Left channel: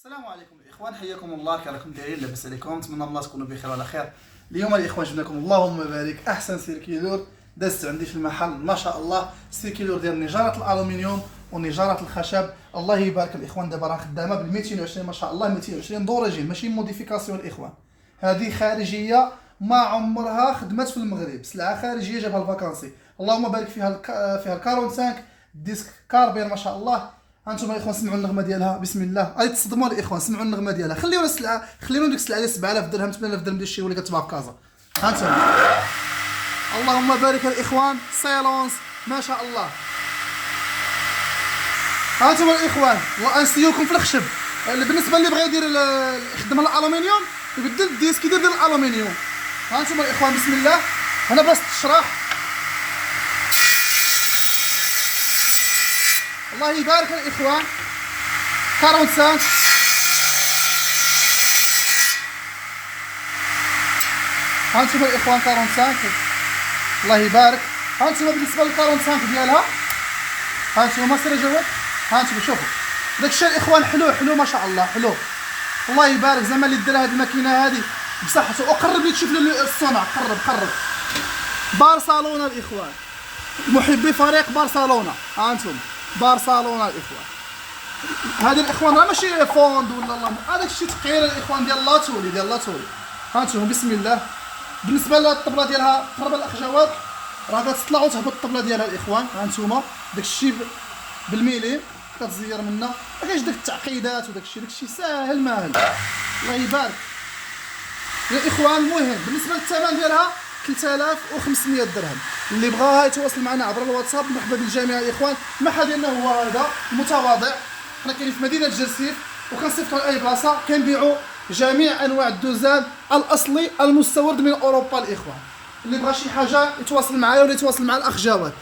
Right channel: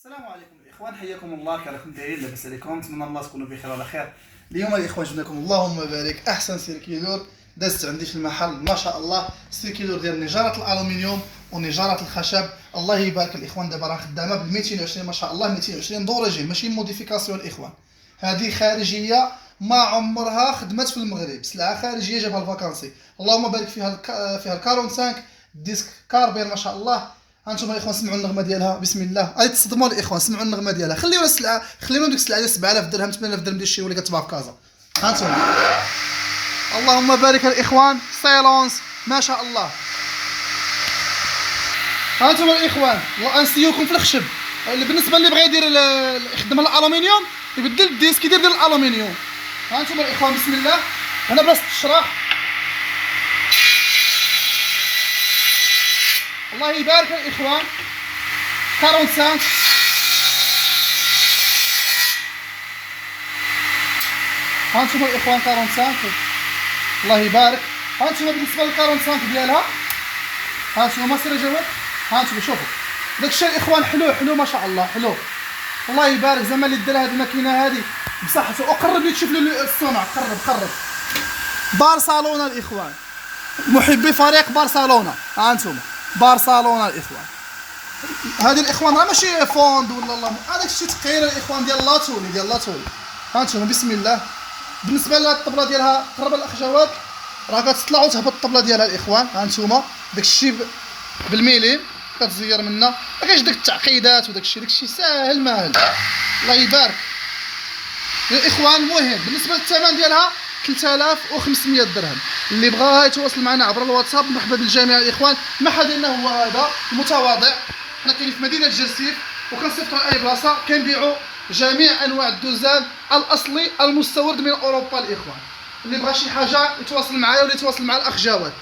السلام عليكم الاخوان، حياكم الله. كي راكم دايرين؟ لاباس عليكم؟ نتمنى الله تكونوا بخير وعلى خير. اليوم الاخوان جبنا لكم اللهم بارك احسن سيركيلور دازت عندي في المحل، ما شاء الله. سيركيلور ديال نجاره الالومنيوم ونجاره الخشب، الله يبارك الاخوان. دابا راه خدامه بال 220 ما شاء الله، 220 دورجين، ماشي موديفيكاسيون الاخوان. هذه خارجيه ما عمرها خدمت في المغرب، سلعه خارجيه جابها الفاكانسي. اللهم بارك فيها ال 45 ديسك كاربير ما شاء الله. هانتوما الاخوان سمعوا النغمه ديالها، بسم الله. غادي تصدموا الاخوان، سمعوا النغمه ديالها. خليونا السلعه، خليونا ديك السلعه ديال 7000 درهم 8000 درهم ديال الشيء اللي كتباع في كازا. هانتوما اللهم بارك الاخوان، سايلونس ما شاء الله. هانتوما الاخوان نسيوكم في الخشب. بالنسبه اللي بغى يدير يخدم الالومنيوم يبدل الديسك يدير ديال الالومنيوم. هانتوما الاخوان بسم الله. هنا بلاصه الشراح، الله يبارك الاخوان. 45 هانتوما الاخوان 45 الله يبارك. هانتوما بالنسبه لل 45 ديالها، هانتوما سير جواد. هانتوما شوفوا داك الشيء الاخوان، حلو ما شاء الله، حلو الله يبارك. زعما اللي دار هذه الماكينه هذه بصحته. وقرب لي تشوف لي الصنع، قرب. برشلونه الاخوان، محبي فريق برشلونه. هانتوما برشلونه الاخوان. هذه الاخوان راه ماشي فوند ولا الله، هذاك الشيء تقير الاخوان ديال لاتولي. هانتوما بسم الله. بالنسبه للطبله ديالها، قرب الاخ جواد، راه كتطلع وتهبط الطبله ديالها الاخوان. هانتوما داك الشيء بالميلين كتزير منا، ما كاينش داك التعقيدات وداك الشيء ساهل ماهل، الله يبارك يا الاخوان. المهم بالنسبه للثمن ديالها 3500 درهم. اللي بغاها يتواصل معنا عبر الواتساب. مرحبا بالجميع الاخوان. المحل ديالنا هو هذا المتواضع، حنا كاينين في مدينه جرسيف وكنصيفطوا لاي بلاصه. كنبيعوا جميع انواع الدوزان الاصلي المستورد من اوروبا الاخوان. اللي بغى شي حاجه يتواصل معايا ولا يتواصل مع الاخ جواد.